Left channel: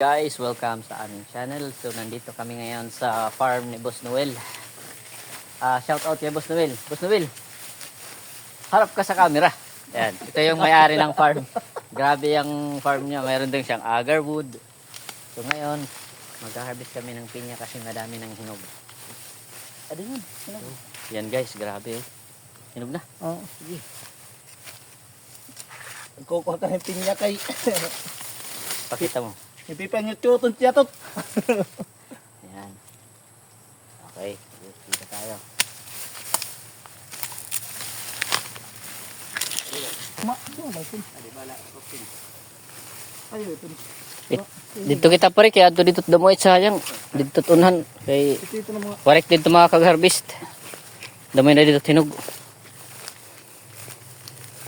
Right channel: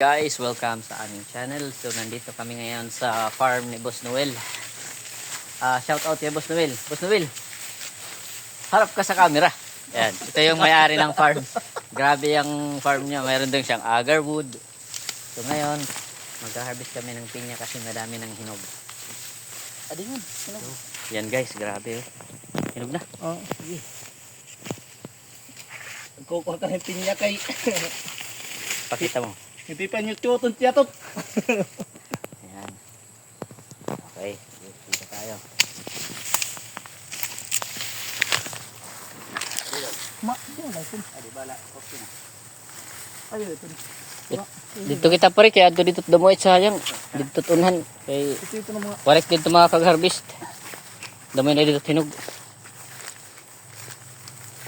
Guys, welcome sa aming channel. So nandito kami ngayon sa farm ni Boss Noel. Shout out kay Boss Noel. Boss Noel, harap ka sa camera. Yan, ito yung may-ari ng farm. Grabe yung farm niya. Mayroon din siyang agarwood. So ngayon, mag-harvest kami ng pinya kasi madami ng hinog. Adingan, hinog. Yan guys, grabe. Hinog na. Oo, sige. Kukuha ka ng pinya kay... Pakita mo. Hindi pa nyo tutun tiyatot. Yan. Okay, dito tayo. Ayo, ito. Dito kita pare kaya dito damoy sayang. Dito unhan kay Ito na mga... correct dito mga kag-harvest. Damay na dito tinog.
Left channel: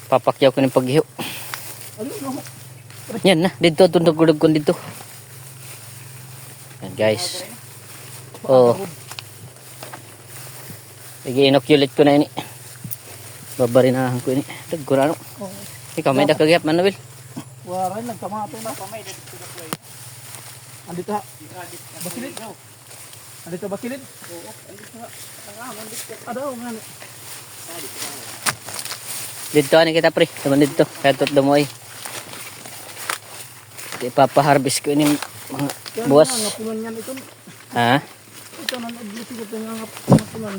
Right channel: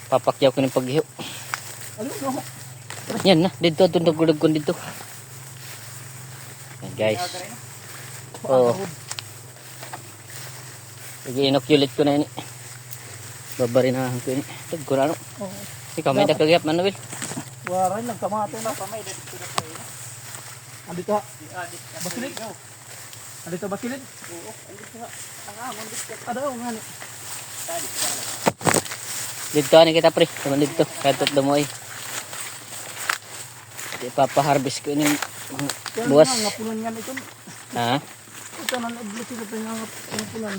Papakyaw ko ng paghiho. Ano, no? Yan na, dito tundog-dug ko dito. Yan guys. Oh. Igi-inoculate ko na ini. Babarinahan ko ini. Tagko na ano. Ikaw may dakagayap Manuel. Waray lang, kamato na. Andito ha. Basilid. Andito basilid? Oo, andito ha. Adaw nga ni. Dito ani kita pre. Tuman dito. Katot damoy. Ipapa-harvest ko ini buwas. Ngapunan yan ito. Ha? Ito na nag-bliti ko ito yung ngapunan.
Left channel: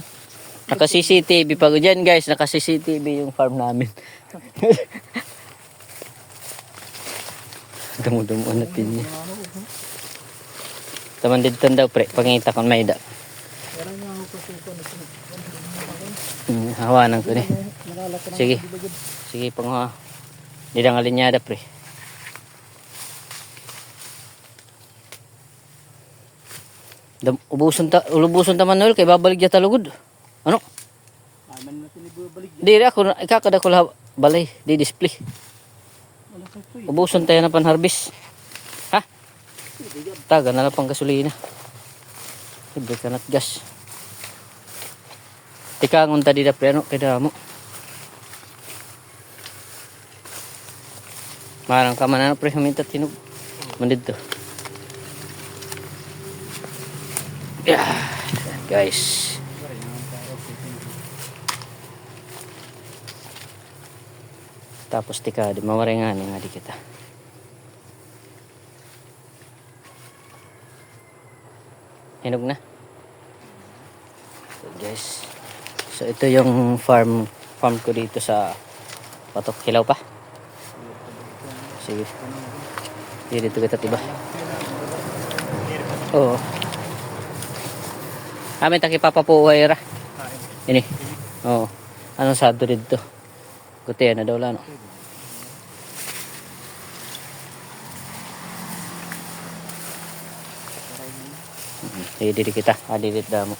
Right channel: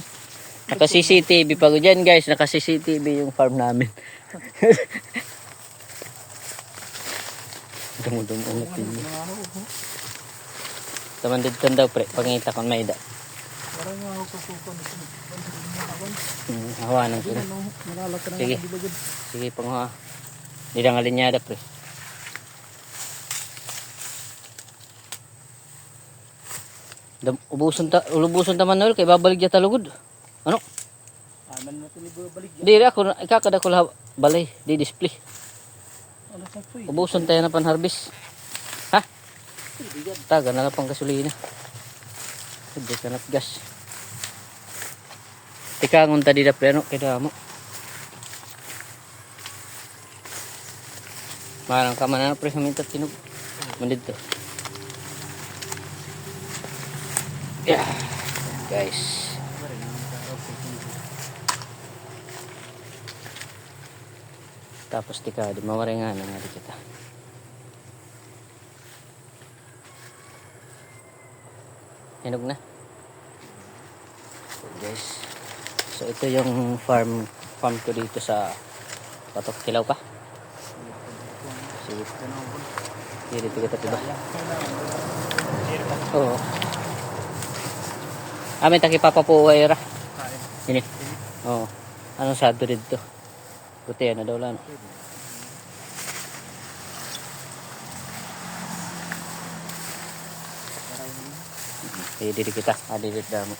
Naka CCTV pa ko dyan guys. Naka CCTV yung farm namin. Dumudum ulit din niya. Taman dito daw pre. Pangita kung may da. Parang nga ako kasukan ito. Hawanan ko ni. Sige. Sige pang didangalin niya da pre. Ulubuson ta Manuel kay babalik ja talugod. Ano? Aman na ito ni babalik. Di ako ikakada ko balay di display. Ubuson tayo na pan harvest. Ha? Taga na lang pang gasolina. Hindi ka nat gas. Tika ngunta di da preno kada mo. Marang ka man pre minta tinog. Mandid to. Yeah, guys. Tapos tika di mawarengan nga di kita. Hinog na. So guys. So ito yung farm ko dito sa Patok Kilaw pa. Sige. Dito kita tiba. Oo. Amin taki papapuhay ra. Ini. Oo. Anong sado dito? Buti na daw lang. Didi kita. Didi damo.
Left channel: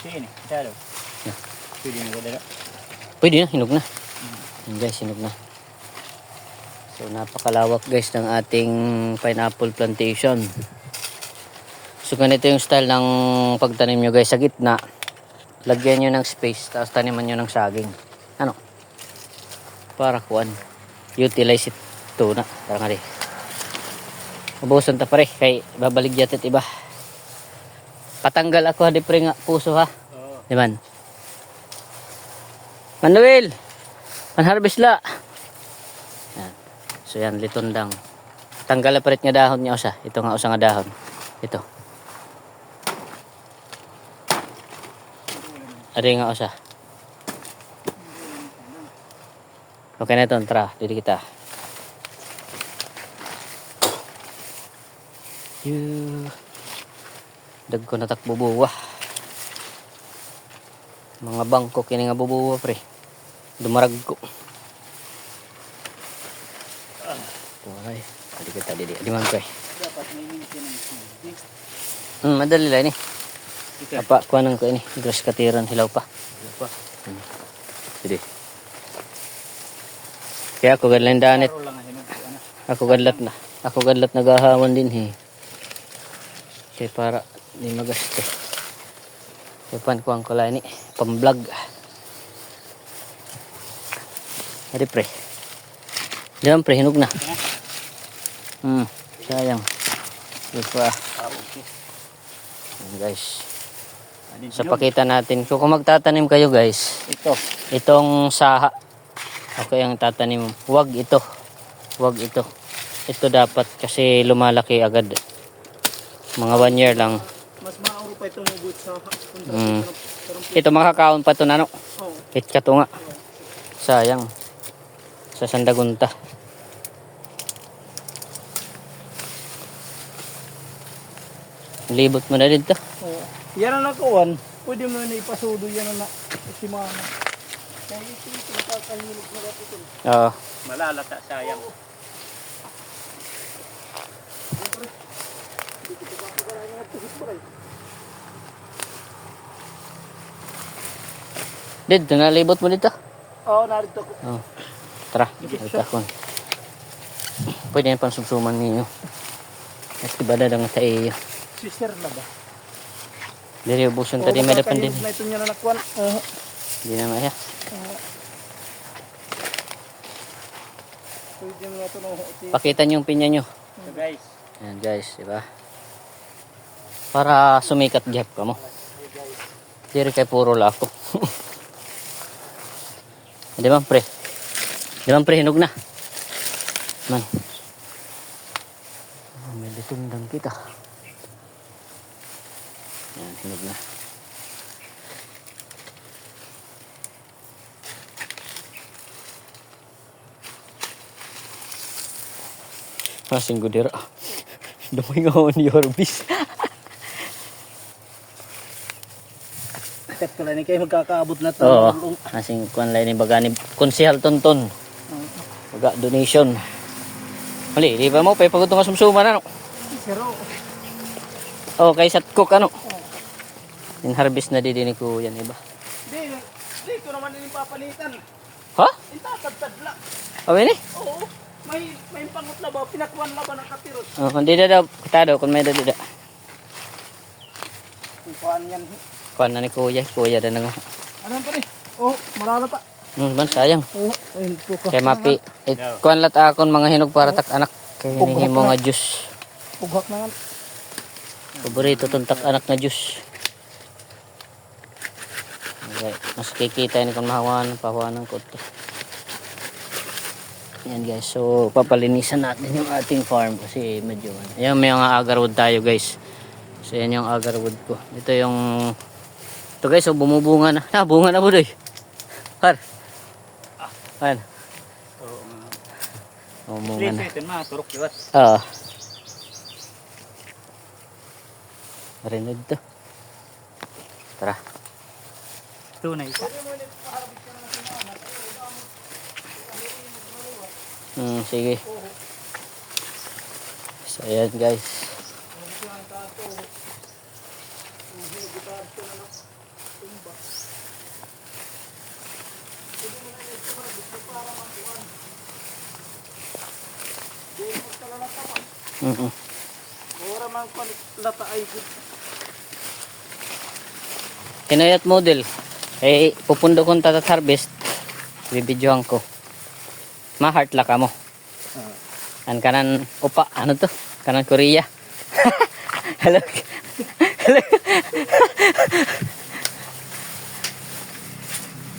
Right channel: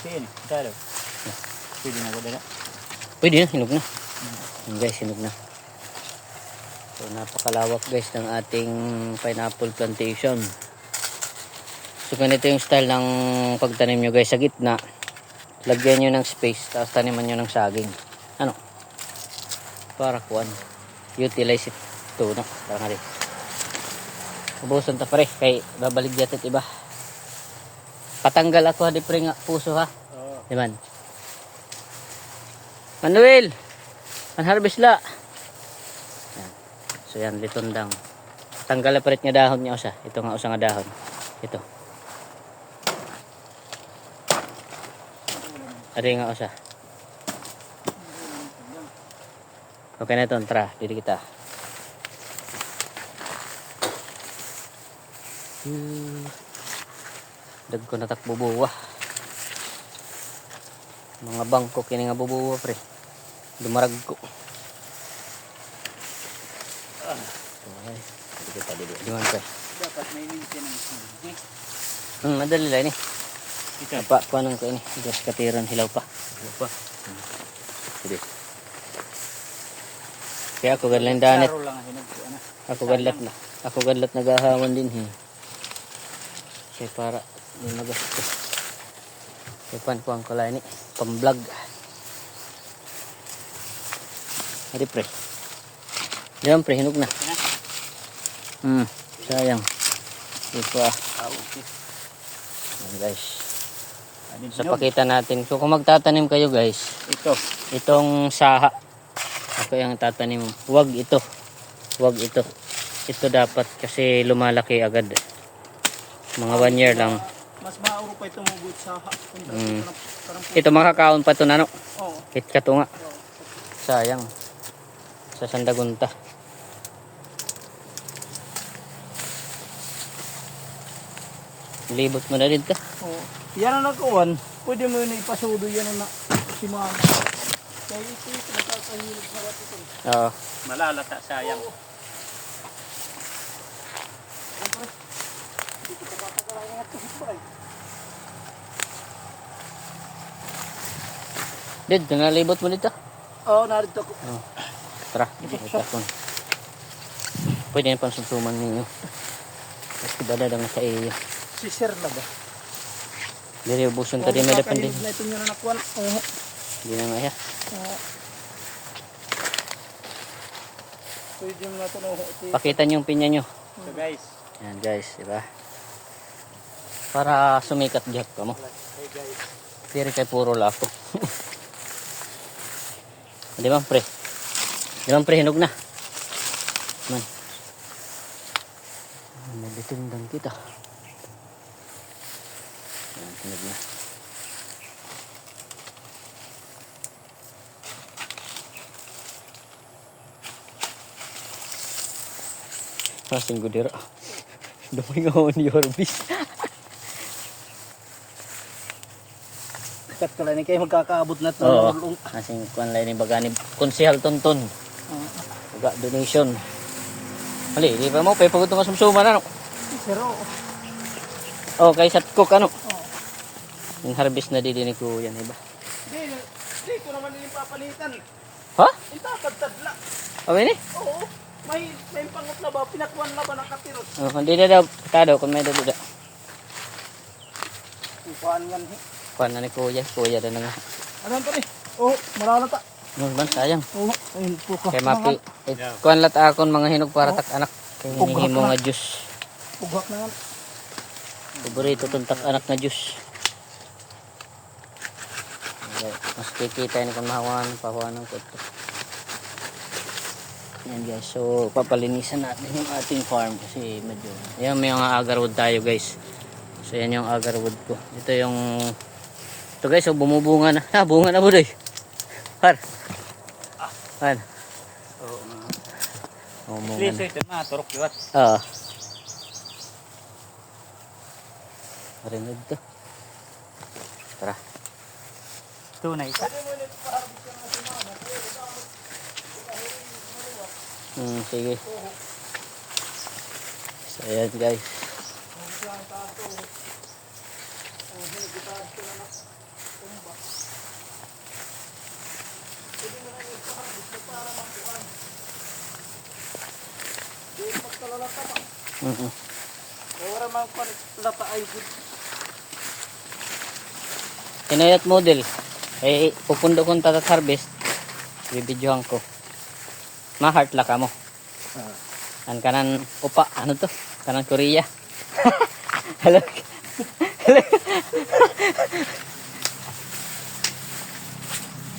Sino? Dalo. Pwede na ko dala. Pwede na, hinog na. Guys, hinog na. So napakalawak guys ng ating pineapple plantation. So ganito yung style ng pagtanim nyo guys sa gitna. Lagyan nyo ng space tapos taniman nyo ng saging. Ano? Para kuan. Utilize ito na. Parang nga rin. Ubusan ta pare. Kay babalik jatit iba. Patanggal ako hadi pre nga puso ha. Diman? Manuel! Manharvest la. Yan. So yan litondang. Tanggal na parit nga dahon niya usa. Ito nga usa nga dahon. Ito. Ari nga usa. Okay na ito. Tara. Dito kita. Dag ko natak bubuwa. Mga bangko kini nga bubuwa pre. Dumarag ko. Okay. Dito kita didi. Di man ko eh. Dapat may maintenance. Madali lang ni. Apa kuanang ko ini. Terus katiran silaw pa. Apa? Sige. Kaya ako gadlan danit. Ako gadlat nagahawan din he. Kaya para di magasto. Kapan ko ang kulay ni pam-vlog. Adi pre. Diyan pre hinog na. Sayang. Ito ah. Okay. Ayan, guys. So pakita natin. So kung magtatanim kayo guys, itong saha. Ako yung tatanim. Huwag ito. Huwag ito. Ito dapat kasi lumalaki agad. Mga 1 year lang. Mas mauro pa itong hugot sa kontra. Ito makakaon pa ito na no. Oo. Kitkat nga. Sayang. Sa sandagunta. Libot mo na dito. Oo. Yan ang nakuwan. Pwede mo yun ipasudo yan na si mama. Kaya ito yung kakahilog nila ito. Oo. Malalata, sayang. Dito na libot mo dito. Oo, narito ko. Oh. Tara. Ito. Pwede na pang sumsuman ninyo. Mas iba na lang sa iyo. Si Sir na ba? Dili ubusan tadi madapan din. Na ito niya na nakuwan. Oo. Hindi na nga. Pwede nga ito na. Pakita niyo yung pinya niyo. So guys. Ayan guys, diba? Para sumikat gap ka mo. Diri kay puro lako. Di ba pre? Di ba pre, hinog na? Man. Oh, may ditundang kita. Ayan, hinog na. Masing gudira. Dumay nga ako ni Orbis. Kat ko lang kayo magkakaabot na ito. Oo. Masing kuan lain ni bagani konsehal tonton. Baga donation. Hali, di ba mo pay pagod nga sumsuma na no. Pero Oh, kay sat cook ano. Yung harvest na di ni kuya ni ba. dito naman yung papalitan. Ha? Itatadtadla. Awe ni? Oo. May pangat na ba? Pinakuan na ba ng kapirot? Oh, hindi na daw tado kung may dada. Kuan yan. Kuan na ni kuya, kuya da nga. Ano pa rin? Oh, malalata. Man sayang. Oo, ayun po ka. Kay mapi. Kuan lat akon mga hinog para tak anak. Kay himo nga juice. Pugak na yan. Paborito tong tak anak nga juice. Okay, mas kikita ni kan mahawan, pahawanan ko ito. Yan guys, so papalinisan natin yung ating farm kasi medyo, yan may mga agarwood tayo guys. So yan yung agarwood ko. Ito yung, ito guys, so bumubunga na. Ha, bunga na po doy. Har. Har. Oo nga. Bumubunga Please, na. ito na. Turok iwas. Oo. Marinig to. Tara. Tunay ka. Sige. So ayan guys. Ora man ko lata ay good. Kinayat model. Eh, pupundo kong tatat harvest. Bibidyohan ko. Ma-heart laka mo. An kanan, opa, ano to? Kanan Korea. Hello. Hello.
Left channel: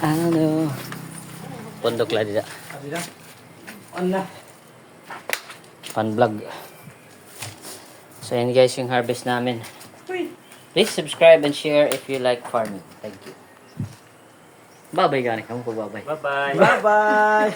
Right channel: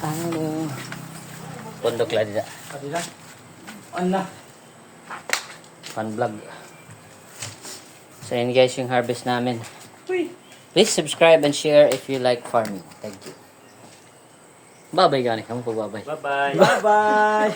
Ano? Pondok lah dida. Adida. Anna. Fun vlog. So yun guys yung harvest namin. Please subscribe and share if you like farming. Thank you. Bye-bye gani. Kamu po bye-bye. Bye-bye. Bye-bye.